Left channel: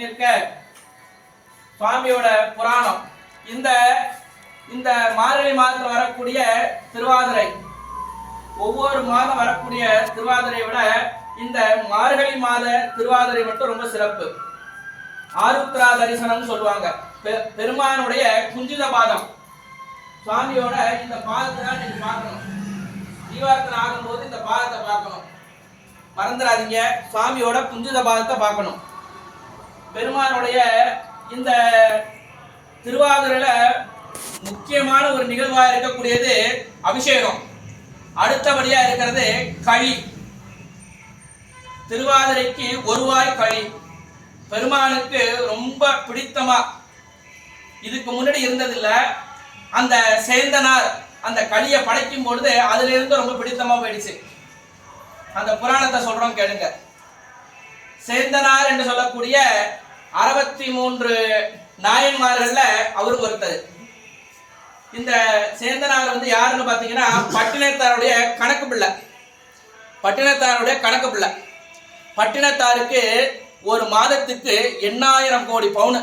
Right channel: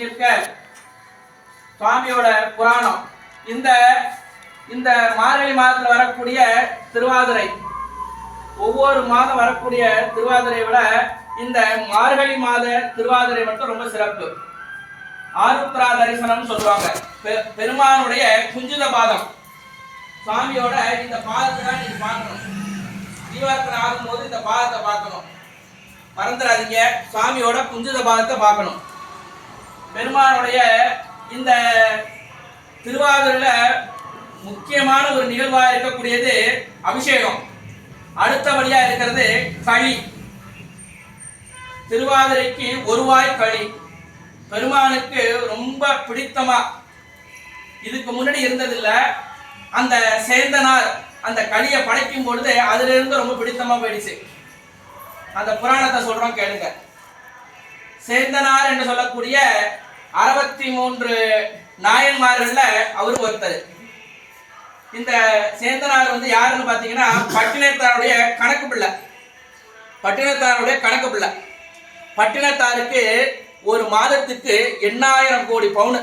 இருக்க. சுவாமியோட புராணம். இந்த இந்த மார்கழி மாதத்துல வரக்கூடிய திருவாதிரை. ஒவ்வொரு மாதம் வரக்கூடிய திருவாதிரையை விட இந்த மார்கழி மாத திருவாதிரை மட்டும் ரொம்ப சிறப்பு. ஆருத்ரா தரிசனம் சொல்லுவாங்க. பெ- பெருமானுடைய குஞ்சித பாதம். சுவாமியோட இந்த பாதத்தை தான் நீங்க பார்க்கணும். தீபார்த்தனை ஆகும்போது இந்த பாதத்தை பார்க்கணும். மறந்துடாதீங்க. சுவாமியோட குஞ்சித பாதத்தை பார்க்கணும். பெருமானுடைய இந்த திருவாதிரையில முக்கியமான ஒரு நிகழ்வாக இருக்கக்கூடியது அபிஷேகம். அடுத்தபடியாக இருக்கிறது களி. திருவாதிரைக்கு ஒருவாய் களி. பெருமானுக்கு ரொம்ப பிடித்தமா. இதுக்கு முன்னாடி இருந்ததில்லை. அந்த சேந்தனார் அந்த களியை படைக்கும் பொழுது அதுலேருந்து ரொம்ப பிடித்தமாக போயிடுச்சு. அந்த புராணத்தை சொல்கிறோம் கேளுங்க. சேந்தனார் என்று சொல்லக்கூடிய அறுபத்தி மூன்று நாயன்மார்கள்ல அவரும் ஒருத்தர். இந்த சேந்தனார் வந்து யாருன்னு பாத்தீங்கன்னா பட்டினத்தாருடைய கணக்கு பிள்ளை. பட்டினத்தாருடைய கணக்கு பிள்ளை. பட்டினத்தாருக்கு ஒரு மாதத்துக்கு எண்ணாயிரம் கோடி பவுனு.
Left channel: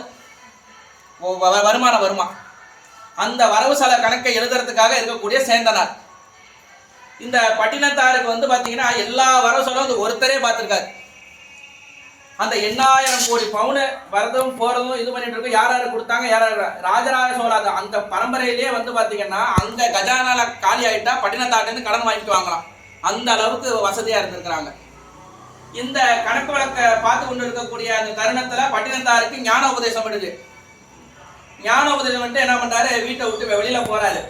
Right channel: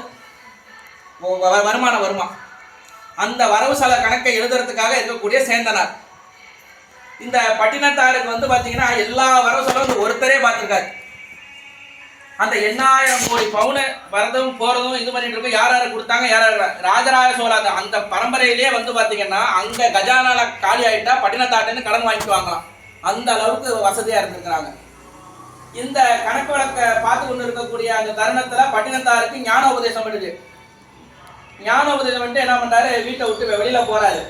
வருமானம் வருமா? அந்த வரவு செல கணக்கை எழுதுறதுக்காக இருக்கக்கூடிய சேந்தனார். இந்த பட்டினத்தாருக்கு வந்து பார்த்தீங்கன்னா எல்லா வரவு செலவும் வந்து ஒருத்தரே பார்த்துருக்காரு அந்த எண்ணாயிரம் கோடி பவுனு வரதும் போறதும் இது பண்ணிட்டு இருக்கோம். யார் யார் கொடுத்தாங்க? யார் யார் ராஜராஜ சோழ அந்த- பரம்பரையிலேயே வந்து பாத்தீங்கன்னா அந்த கஜானால காலி ஆயிட்டா பட்டினத்தாட்டன்னு கடன் வாங்கிக்குவாங்களாம் அந்த அளவுக்கு வசதியா இருந்திருக்கிறாங்க. இந்த கணக்கு வழக்கை பார்த்து கொண்டு இருக்கக்கூடிய அந்த தருணத்துல பட்டினத்தாருக்கு ஞான உபதேசம் பண்ணுது ஞான உபதேசம் வந்துட்டு என்ன பண்றாரு? வீட்டை விட்டு வெளியில போறாரு.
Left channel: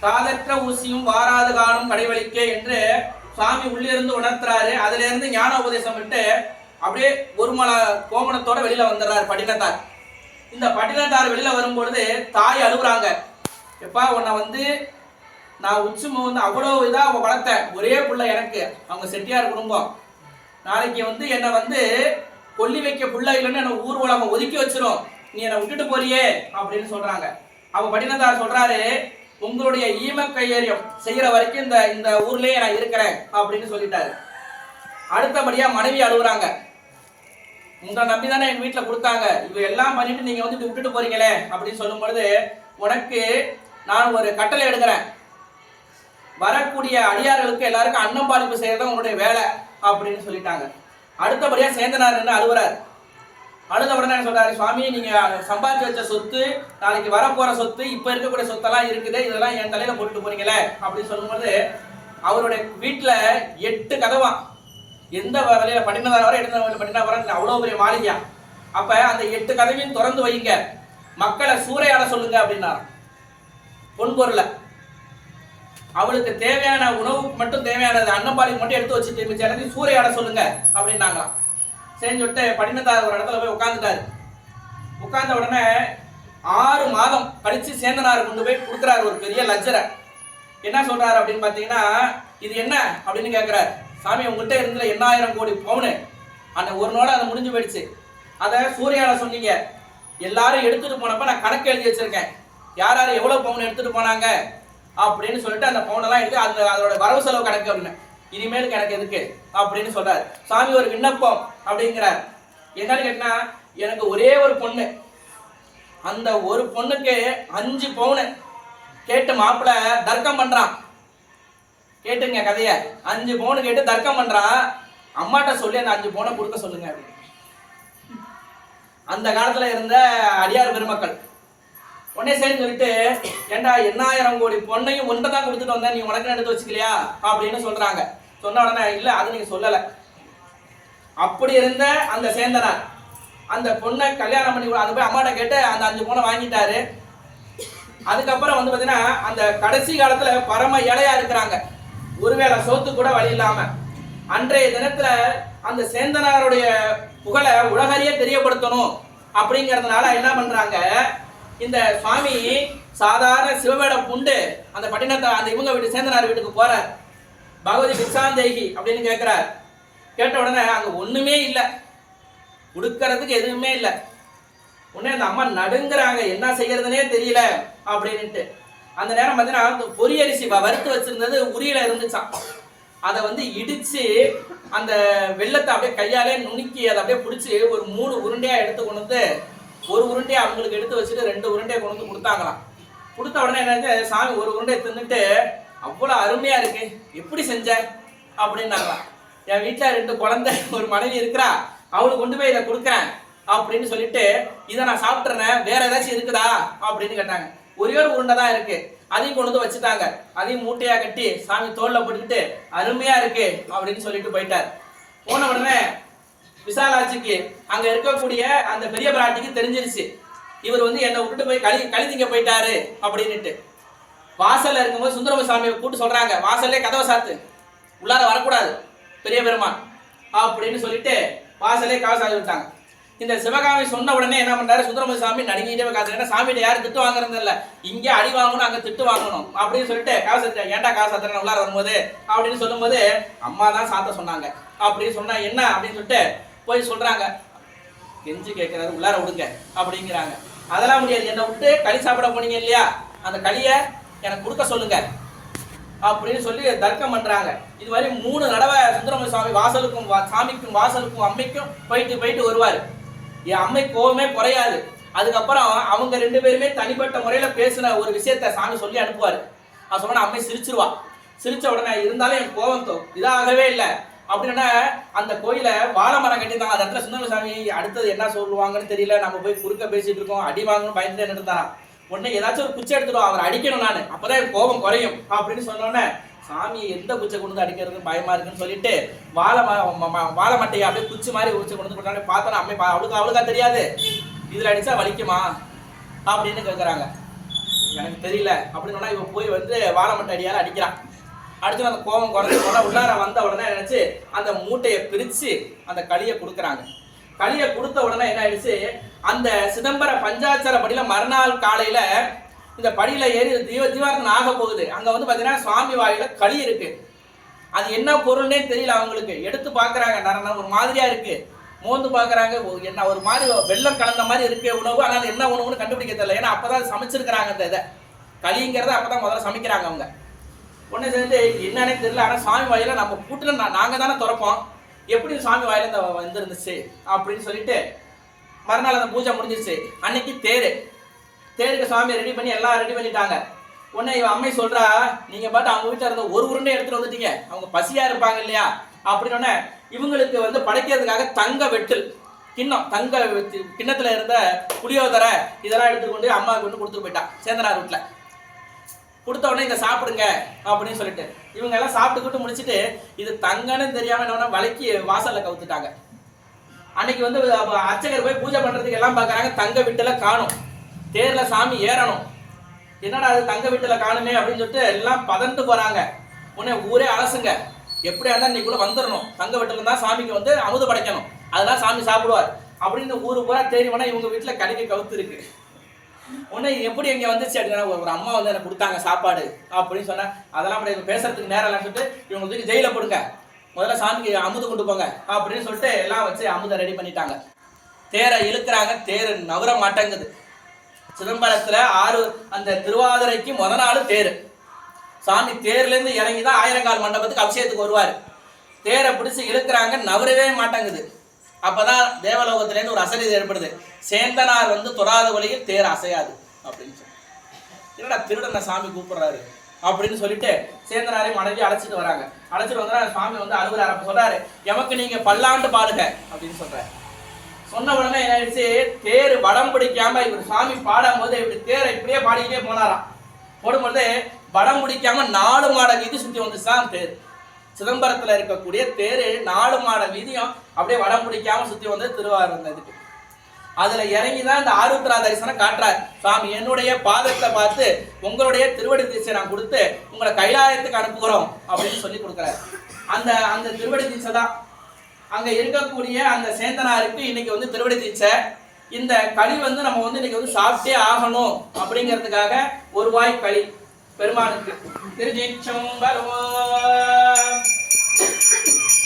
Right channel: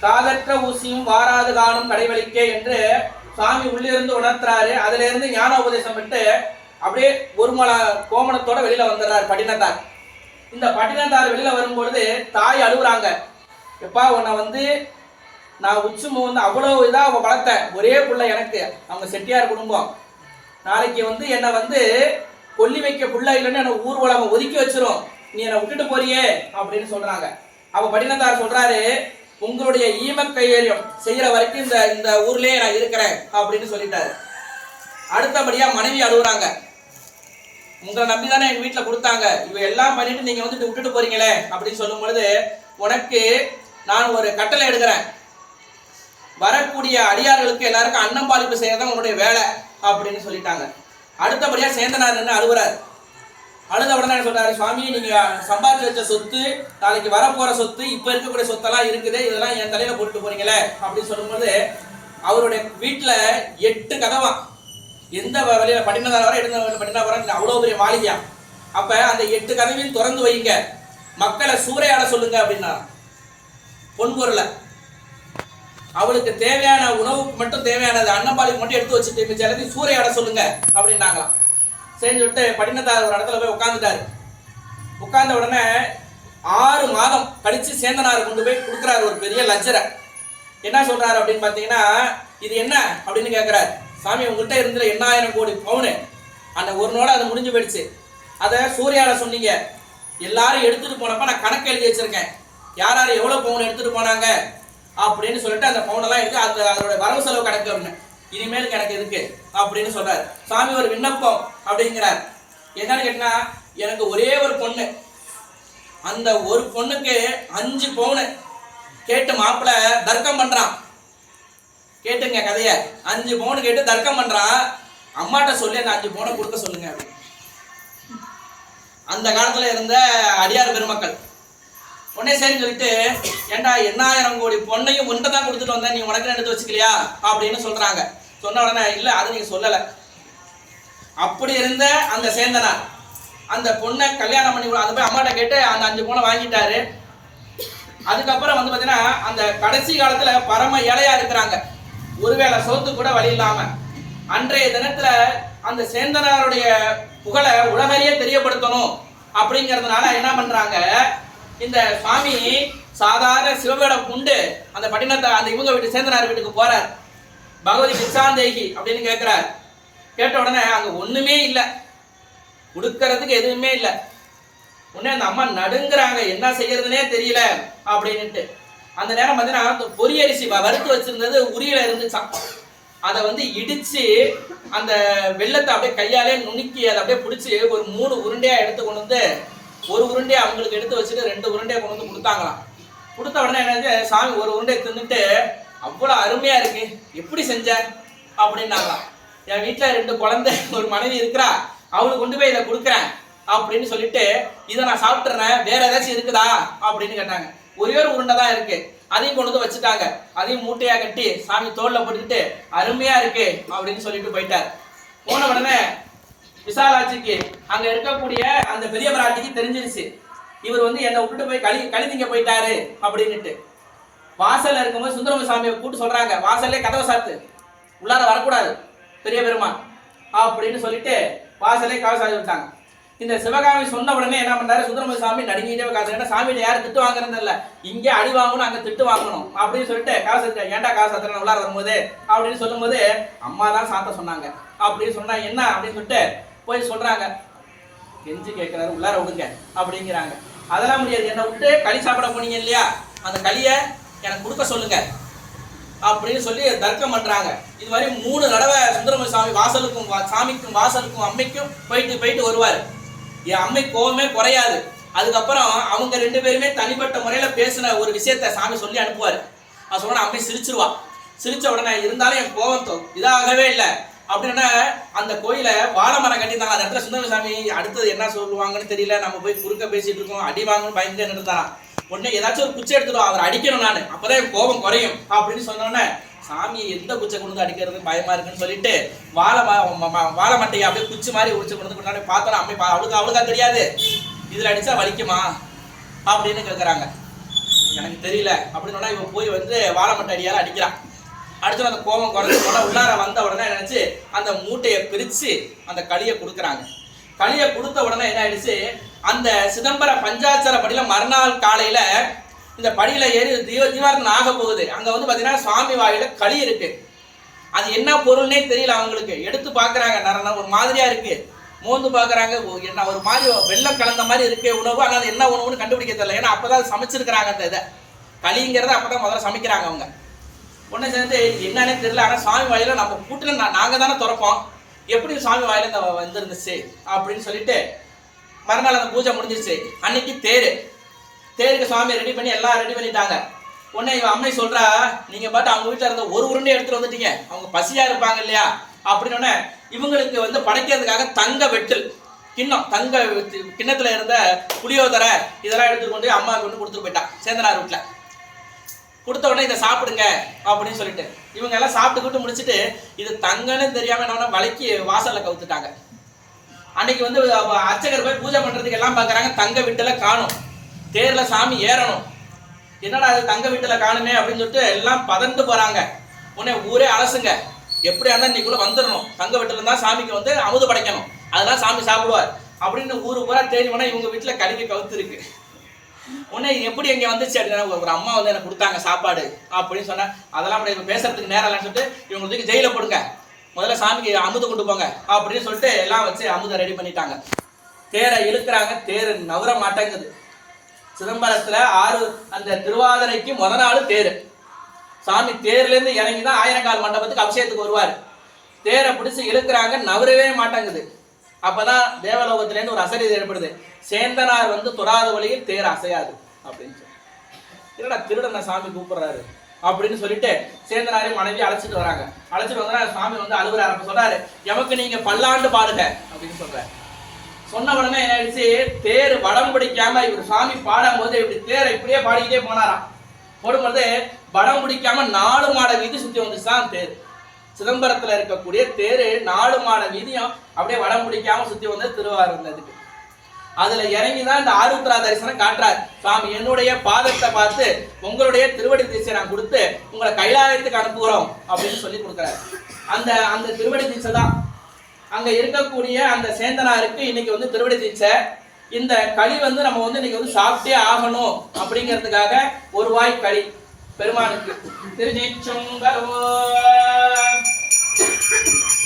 காதற்ற ஊசியும் வாராது காணும் கடைவழிக்கே என்று சாமி உள்ளிருந்து உணர்த்துறாரு. அதுல இருந்து ஞான உபதேசம் விட்டு அப்படியே ஒரு மல கோமணத்தோட வெளியில வந்துடுறாரு பட்டினத்தார். இந்த பட்டினத்தார் வெளியில வரும்பொழுது தாய் அழுகுறாங்க. எப்பா உன்னை வந்து நான் உச்சி வந்து அவ்வளோ இதா அவன் வளர்த்தேன். ஒரே பிள்ளை எனக்கு. அவங்க செட்டியார் குடும்பம். நாளைக்கு வந்து என்னை வந்து கொல்லி வைக்க புள்ள இல்லைன்னு என்னை ஊர் உலகம் ஒதுக்கி வச்சிரும். நீ என்னை விட்டுட்டு போறியே அப்படின்னு சொல்றாங்க. அவ பட்டினத்தார் சொல்றாரு உங்களுடைய ஈம கையேறியம் செய்கிற வரைக்கும் இந்த இந்த ஊர்லயே நான் இருக்கிறேன் அப்படின்னு சொல்லிட்டாரு. அடுத்தபடியா மனைவி அழுகுறாங்க. உங்களை நம்பி தானே என் வீட்டில் கொடுத்தாங்க. இவை எல்லாம் பண்ணிட்டு நீங்கள் வந்து இதை விட்டுட்டு போறீங்களே அப்படின்னு சொல்லும் பொழுது உனக்கு நான் ஒரு கட்டளை எடுக்கிறேன். வரக்கூடிய அடியார்களுக்கு எல்லாருக்கும் அன்னம் பாலிப்பு செய்யறது உன்னுடைய வேலை அப்படின்னு சொல்லிட்டாங்க. அடுத்தபடியாக சேந்தனார் நின்று அழுகுறாரு அழுத உடனே என்ன சொல்றாரு சுவாமி நீங்க சம்பாதிச்சு வச்ச சொத்து நாளைக்கு வரப்போற சொத்து இப்ப இருக்கக்கூடிய சொத்தெல்லாம் இருக்குது. இதெல்லாம் என் தலையில போட்டுட்டு போறீங்களே அப்படின்னு சொல்லும்போது அவருடைய வீட்டுல எட்டு கதவா எந்த வழியில் வழியில பட்டினதார வரை எடுத்த பட்டினா வர அவ்வளவு பெரிய மாளிகையா? அப்போ அந்த எட்டு கதவையும் திறந்து வைங்க. மக்களை சூறையாட சொல்லுங்க அப்படின்னா. பொன்பொருளை அவளுக்கு தேவையான உணவுக்கு மட்டும் தேவையானது அன்னப்பாளிக்கு மட்டும் எடுத்து வச்சுட்டு மிச்ச எல்லாத்தையும் சூறையாட சொல்லுங்க அப்படின்னாங்களாம். சரின்னு சொல்லிட்டு பட்டினத்தார் ஒரு இடத்துல போய் உட்காந்துட்டாரு உட்கார்ந்த உடனே ஆறு மாதம் கழித்து சேந்தனார் கொண்டு போய் கொடுக்குறாரு ஒரு பெரிய லட்சரை என்ன சொல்கிறாரு அப்படின்னு பார்த்தீங்கன்னா இது என்ன அப்படின்னு கேட்குறாரு சாமி உங்கள்கிட்ட இருந்த எண்ணாயிரம் கோடி பவுனு. அந்த ஒரு நோட அது முடிஞ்சு போயிடுச்சு. அதை சூர்யால சொன்னீங்க. எல்லாரும் எடுத்துட்டு போனப்ப நான் கணக்கு எழுதி வச்சிருக்கேன். யார் யார் எவ்வளோ பவுன் எடுத்துட்டு போனாங்க? அப்படின்னு சொல்லிட்டு அந்த பவுனெல்லாம் எடுத்து அது அதோட வரவு செலவு கணக்கு அப்படின்னு. இனிமேல் எனக்கு எதுக்கு? அப்படின்னு சொல்றாரு. சாமி ஒரு விண்ணப்பம் அப்படிங்கிறார். என்னன்னு கேட்டினா எனக்கு ஒரே ஒரு பொண்ணு. அந்த ஒரு பொண்ணுக்கு அஞ்சு பவுனு. கேட்டு மாப்பிள்ளை தர்க்கம் பண்றான். கேட்டுங்க கதைய. அஞ்சு பவுன் கேட்டு தர்க்கம் பண்றான் அம்மாட்ட சொல்லி அந்த அஞ்சு பவுனை கொடுக்க சொல்லுங்க அந்த காலத்துல இருந்த அடியார் பெருமக்கள். உடனே சேர்ந்து சொல்லிட்டு ஏண்டா எண்ணாயிரம் கோடி பொண்ணையும் ஒன்றை தான் கொடுத்துட்டு வந்தேன். நீ உனக்கு எடுத்து வச்சுக்கலையா? அப்படின்னு சொல்றாங்க. சொன்ன உடனே இல்லை அதை நீங்க சொல்லல. அப்படி இருந்த அந்த சேந்தனார் அந்த பொண்ணை கல்யாணம் பண்ணி கொடு- போய் அம்மாட்ட கேட்டு அந்த அஞ்சு பொண்ணை வாங்கிட்டாரு. அதுக்கப்புறம் வந்து பார்த்தீங்கன்னா அந்த கடைசி காலத்துல பரம இலையா இருக்கிறாங்க. ஒருவேளை சோத்து கூட வழி இல்லாம அன்றைய தினத்துல அந்த சேந்தனாருடைய புகழை உலகறிய தெரியப்படுத்தணும் அப்படிங்கிறதுனால என்ன பண்றாங்க? இந்த சுவாமி சாதாரண சிவவேடம் குண்டு அந்த பட்டினத்தை அந்த இவங்க வீட்டு சேந்தனார் வீட்டுக்கு போறார். பகவதி பிச்சாந்தேகி அப்படின்னு கேட்கிறார் கேட்ட உடனே அங்க ஒண்ணுமே இல்லை. கொடுக்கறதுக்கு எதுவுமே இல்லை. உடனே அந்த அம்மா நடுங்கிறாங்க. என்ன செய்யறதுனே தெரியல அப்படின்னுட்டு. அந்த நேரம் பார்த்தீங்கன்னா அந்த பொரியரிசி வ- வறுத்து வச்சிருந்தது உரியில இருந்துச்சாம் அதை வந்து இடிச்சு அந்த வெள்ளத்தை அப்படியே கையாலே நுணுக்கி அதை அப்படியே பிடிச்சி ஒரு மூணு உருண்டையா எடுத்து கொண்டு வந்து ஒரு உருண்டையை அவங்களுக்கு எடுத்து வச்சுட்டு ரெண்டு உருண்டையை கொண்டு வந்து கொடுத்தாங்களாம். கொடுத்த உடனே என்னது சாமி ஒரு உருண்டையை தின்னுட்டு அவ்வளோ அருமையா இருக்கு. எப்படி செஞ்ச? அப்படின்னாங்களாம். என் வீட்டில் ரெண்டு குழந்தை ஒரு மனைவி இருக்கிறா. அவளுக்கு கொண்டு போய் இதை கொடுக்குறேன். அப்படின்னு சொல்லிட்டு இதை நான் சாப்பிட்றேன் வேற ஏதாச்சும் இருக்குதா? அப்படின்னு கேட்டாங்க. ஒரே ஒரு உருண்டை தான் இருக்கு. அதையும் கொண்டு வந்து வச்சுட்டாங்க. அதையும் மூட்டையா கட்டி சாமி தோல்ல போட்டுக்கிட்டு அருமையா இருக்கு அப்படின்னு சொல்லிட்டு போயிட்டார். போன உடனே விசாலாட்சிக்கு அங்க இருக்கக்கூடிய அந்த பெரிய பிராட்டிக்கு தெரிஞ்சிருச்சு. இவர் வந்து என்னை விட்டுட்டு போய் கழி கழுதிங்க போயிட்டாரு அப்படின்னுட்டு. வாசல்ல இருக்கும்போது சுந்தரம சாமியை கூட்டு சொல்றாங்க. வாசல்லே கதவை சாத்து. உள்ளார வரக்கூடாது. பெரிய பெருமான் அப்படின்னு சொல்லிட்டு வாசல்லே கதவை சாத்தி விட்டாங்க இந்த சிவகாமி சொன்ன உடனே என்ன பண்றாரு? சுந்தரம சாமி நடுங்கிட்டே காசு ஏன்னா சாமியில யாரும் திட்டு வாங்குறது இல்ல. இங்கே அடி வாங்கணும் அங்க திட்டு வாங்கணும் அப்படின்னு சொல்லிட்டு காசு ஏன்டா காசு அத்தனை உள்ளார வரும்போது? அப்படின்னு சொல்லும்போது அம்மா தான் சாத்த சொன்னாங்க. அப்படின்னு சொன்னா என்ன? அப்படின்னு சொல்லிட்டு போய் சொல்றாங்க. கெஞ்சி கேட்கிறாரு உள்ளார விடுங்க அப்படிங்கிறாங்க. அதெல்லாம் முடியாது. என்னை விட்டு களி சாப்பிட போனீங்க இல்லையா? அந்த களியை எனக்கு கொடுக்க சொல்லுங்க. அப்படின்னு சொல்லி தர்க்கம் பண்றாங்க. இது மாதிரி மூணு தடவை சுந்தரம சாமி வாசலுக்கும் வா- சாமிக்கும் வாசலுக்கும் அம்மைக்கும் போயிட்டு போயிட்டு வருவார். என் அம்மை கோவமே குறையாது. அதுக்கப்புறம் அவங்க ரெண்டு பேருமே தனிப்பட்ட முறையில் பேசின ஒரு விஷயத்த சாமி சொல்லி அனுப்புவார். அவன் சொன்ன அம்மை சிரிச்சிருவா. சிரிச்ச உடனே இருந்தாலும் என் கோவம் இதாகவே இல்லை. அப்படின்னா அந்த கோயிலை வாழை மரம் கட்டியிருந்தாங்க. அந்த இடத்துல சுந்தரம சாமி அடுத்தது என்ன சொல்லுவாங்கன்னு தெரியல. நம்ம போய் குறுக்க பேசிட்டு இருக்கோம். அடி வாங்கணும் பயந்து நின்றுதான் உடனே ஏதாச்சும் ஒரு குச்சை எடுத்துடும் அவரை அடிக்கணும் நான். அப்பதான் என் கோபம் குறையும். அப்படின்னு சொன்னோன்னே சாமியை எந்த குச்சை கொண்டு வந்து அடிக்கிறது பயமா இருக்குன்னு சொல்லிட்டு வாழை ம- வாழை மட்டையை அப்படியே குச்சி மாதிரி உடிச்சு கொண்டு வந்து கொண்டாடி பார்த்தோன்னா அம்மை அவளுக்கு அவளுக்கா தெரியாது. இதில் அடிச்சா வலிக்குமா? அப்படின்னு கேட்குறாங்க எனக்கு தெரியல. அப்படின்னு சொன்னா இவ போய் வந்து வாழை மட்டை அடியால் அடிக்கிறான். அடுத்து அந்த கோபம் குறைஞ்சு போனால் உள்ளார வந்த உடனே நினச்சி அந்த மூட்டையை பிரித்து அந்த களியை கொடுக்குறாங்க. களியை கொடுத்த உடனே என்ன ஆயிடுச்சு? அந்த சிதம்பர பஞ்சாட்சர படியில் மறுநாள் காலையில் இந்த படியில் ஏறி தீவ தீபாரத்தனை ஆக போகுது. அங்கே வந்து பார்த்தீங்கன்னா சுவாமி வாயில் களி இருக்கு. அது என்ன பொருள்னே தெரியல அவங்களுக்கு. எடுத்து பார்க்குறாங்க நர ஒரு மாதிரியாக இருக்கு. மோந்து பார்க்குறாங்க ஓ, என்ன ஒரு மாதிரி வெள்ளம் கலந்த மாதிரி இருக்கே உணவு. ஆனால் அது என்ன உணவுன்னு கண்டுபிடிக்க தெரியல ஏன்னா அப்போ தான் சமைச்சிருக்கிறாங்க அந்த இதை. களிங்கிறத அப்பதான் முதல்ல சமைக்கிறாங்க அவங்க. ஒன்று சேர்ந்து என்னன்னே தெரியல. ஆனால் சாமி வாயில நம்ம கூட்டில் நான் நாங்கள் தானே திறப்போம். எப்படி சாமி வாயில் இந்த வந்துருந்துச்சு? அப்படின்னு சொல்லிட்டு மறுநாள் அந்த பூஜை முடிஞ்சிருச்சு. அன்னைக்கு தேர். தேருக்கு சுவாமி ரெடி பண்ணி எல்லாம் ரெடி பண்ணிட்டாங்க. உடனே இவன் அம்மை சொல்றா நீங்க பாட்டு அவங்க வீட்டில் இருந்த ஒரு உருண்டை எடுத்துட்டு வந்துட்டீங்க. அவங்க பசியா இருப்பாங்க இல்லையா? அப்படின்னு இவங்களுக்கு வந்து படைக்கிறதுக்காக தங்க வெட்டில் கிண்ணம் தங்க வெட்டு- கிண்ணத்துல இருந்த புளியோதரை இதெல்லாம் எடுத்துக்கொண்டு அம்மாவுக்கு கொண்டு கொடுத்துட்டு போயிட்டான் சேந்தனார் வீட்டில் கொடுத்த உடனே இதை சாப்பிடுங்க அப்படின்னு சொல்லிட்டு. இவங்க எல்லாம் சாப்பிட்டுக்கிட்டு முடிச்சுட்டு இது தங்கன்னு தெரியாம என்ன பண்ணா வலைக்கு வாசல்ல கவுத்துட்டாங்க. அன்னைக்கு வந்து அர்ச்சகர் போய் பூஜை பண்றதுக்கு எல்லாம் பார்க்குறாங்க தங்க வீட்டுல காணும். தேர்ல சாமி ஏறணும். என்னடா அது தங்க வீட்டுல காணுமே அப்படின்னு சொல்லிட்டு எல்லாம் பதந்து போறாங்க. உடனே ஊரே அலசுங்க. எப்படியா இருந்தா நீ கூட வந்துடணும் தங்க வீட்டுல தான் சாமிக்கு வந்து அமுது படைக்கணும். அதெல்லாம் சாமி சாப்பிடுவார். அப்படின்னு ஊரு பூரா தேடி இவங்க வீட்டுல கழுவி கவுத்து இருக்கு. உடனே இது எப்படி இங்க வந்துச்சு அப்படின்னா ஒரு அம்மா வந்து எனக்கு கொடுத்தாங்க சாப்பாடு அப்படின்னு சொன்னேன் அதெல்லாம் அப்படி பேசுறதுக்கு நேரம் இல்லைன்னு சொல்லிட்டு இவங்க தூக்கி ஜெயில போடுங்க. முதல்ல சாமிக்கு அமுது கொண்டு போங்க. அப்படின்னு சொல்லிட்டு எல்லாம் வச்சு அமுதை ரெடி பண்ணிட்டாங்க. தேரை இழுக்கிறாங்க. தேர் நவர மாட்டேங்குது. சிதம்பரத்துல ஆறு அந்த திருவாதிரைக்கு முத நாள் தேர். சாமி தேர்லேருந்து இறங்கி தான் ஆயிரங்கால் மண்டபத்துக்கு அபிஷேகத்துக்கு வருவார். தேரை பிடிச்சி இழுக்கிறாங்க நவரவே மாட்டேங்குது. அப்போ தான் இருந்து ஒரு அசடி ஏற்படுது. சேந்தனார் வந்து தொடாத வழியில் தேர் அசையாது அப்படின்னு சொல்லி. என்னடா திருடனை சாமி கூப்பிடுறாரு அப்படின்னு சொல்லிட்டு சேந்தனாரையும் மனைவி அழைச்சிட்டு வராங்க. அழைச்சிட்டு வந்தா சுவாமி வந்து அலுவலர் அப்ப சொல்றாரு எமக்கு நீங்க பல்லாண்டு பாடுங்க அப்படின்னு சொல்றாரு. சொன்ன உடனே என்ன ஆயிடுச்சு? தேர் வடம் பிடிக்காம இவர் சாமி பாடும்போது இப்படி தேரை இப்படியே பாடிக்கிட்டே போனாராம். போடும்போது வடம் பிடிக்காம நாலு மாட வீதி சுற்றி வந்துச்சுதான் தேர். சிதம்பரத்தில் இருக்கக்கூடிய தேர் நாலு மாட வீதியும் அப்படியே வடம் பிடிக்காம சுற்றி வந்து திருவாரூர் வந்ததுக்கு அதில் இறங்கி தான் இந்த ஆருத்ரா தரிசனம் காட்டுறார். சாமி என்னுடைய பாதத்தை பார்த்து உங்களுடைய திருவடி தீட்சை நான் கொடுத்து உங்களை கைலாயத்துக்கு அனுப்புகிறோம் அப்படின்னு சொல்லி கொடுக்குறாரு. அந்த அந்த திருவடி தீட்சை தான் அங்கே இருக்கக்கூடிய அந்த சேந்தனாருக்கு இன்னைக்கு வந்து திருவடி தீட்சை. இந்த களி வந்து நம்ம வந்து இன்னைக்கு வந்து சாப்பிட்டே ஆகணும் அப்படிங்கிறதுக்காக ஒரு வாய் களி. பெருமானுக்கு. திருச்சிச்சம்பரம்